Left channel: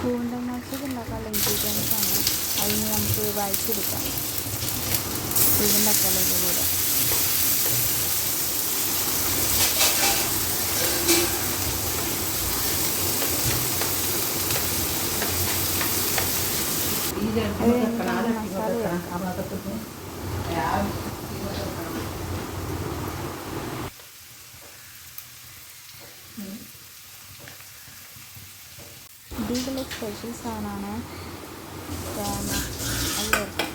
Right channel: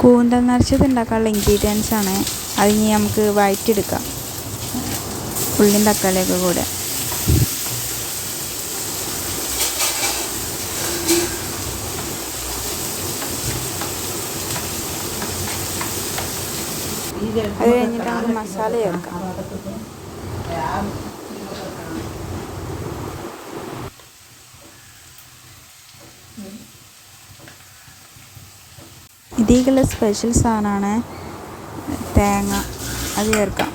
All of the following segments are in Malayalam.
കൂന്തൽ നിറച്ചത് ഉണ്ടാക്കാനുള്ള ഇൻഗ്രീഡിയൻസ് ആണ്. അതിന് നമുക്ക് വഴറ്റിയെടുക്കാം, ഉള്ളിയും തക്കാളിയൊക്കെ കൂടെ. അത് കഴിഞ്ഞിട്ട് മസാല ചേർക്കാം. ഇതിലേക്കുള്ള സ്പെഷ്യൽ സാധനമാണ് തേങ്ങ. അത് ചേർക്കാം.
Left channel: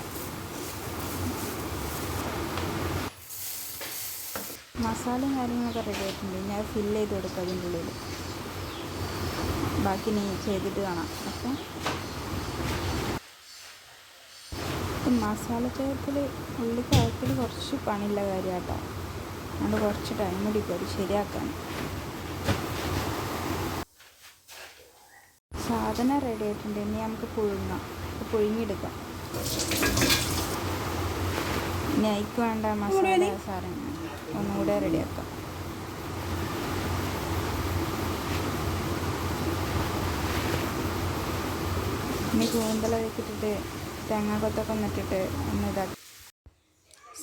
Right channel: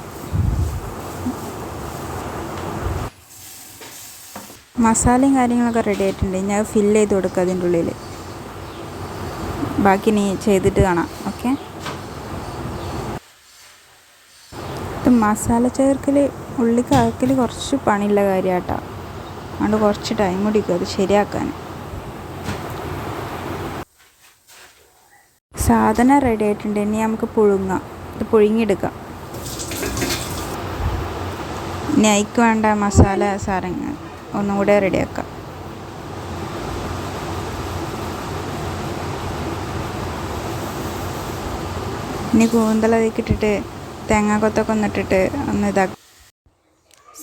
മസാലയും കാര്യങ്ങളൊക്കെ റെഡി ആയിട്ടുണ്ട്. ഞാൻ ഫില്ല് ചെയ്ത് കൊടുക്കുക അതിൻ്റെ ഉള്ളിൽ. ബാക്കി നീ ചെയ്തിട്ട് കാണാം. ഓക്കെ. മസാല ചേർക്കൽ, ഉള്ളിക്ക് അകക്കൽ കുറച്ച് പണിയുള്ള കാര്യമാട്ടോ. അതുകൊണ്ട് കുറച്ച് ടൈം പിടിക്കും അത് ശരിയാക്കാൻ. സാധനം റെഡി ആയിട്ടുണ്ട്. ഇനി നമുക്ക് പുഴുങ്ങാം. ഇത് പുഴുങ്ങിയെടുക്കാം. ഇനി അതിക്ക് വേണ്ട മസാല സാധനങ്ങൾ ഒന്നുകൂടെ റെഡിയാക്കാം. ഇനി കൂന്തലതൊക്കെ ഇട്ടിട്ട് തേങ്ങാക്കൊത്തൊക്കെ ഒന്നിട്ടിട്ട് ഒന്ന് ഇതാക്കാം.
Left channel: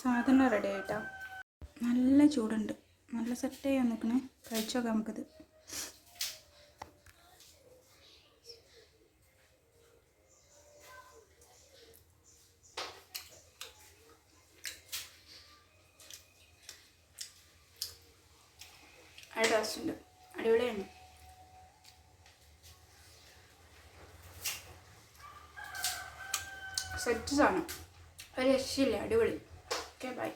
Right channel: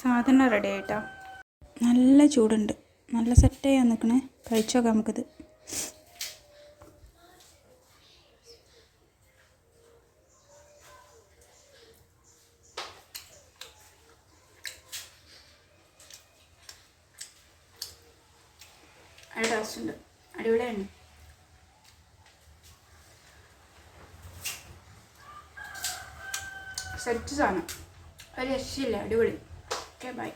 സാധനം റെഡി ആയിട്ടോ. നല്ല ചൂടുണ്ട്, നല്ല സെറ്റ് ചെയ്യാൻ നിൽക്കണേ. കഴിച്ചു നോക്കാം നമുക്കിത്. നല്ല ടേസ്റ്റുണ്ട്, അടിപൊളിയാണ്. സെറ്റ് സാധനം, ഒരു രക്ഷയില്ല, അടിപൊളി. Okay, by.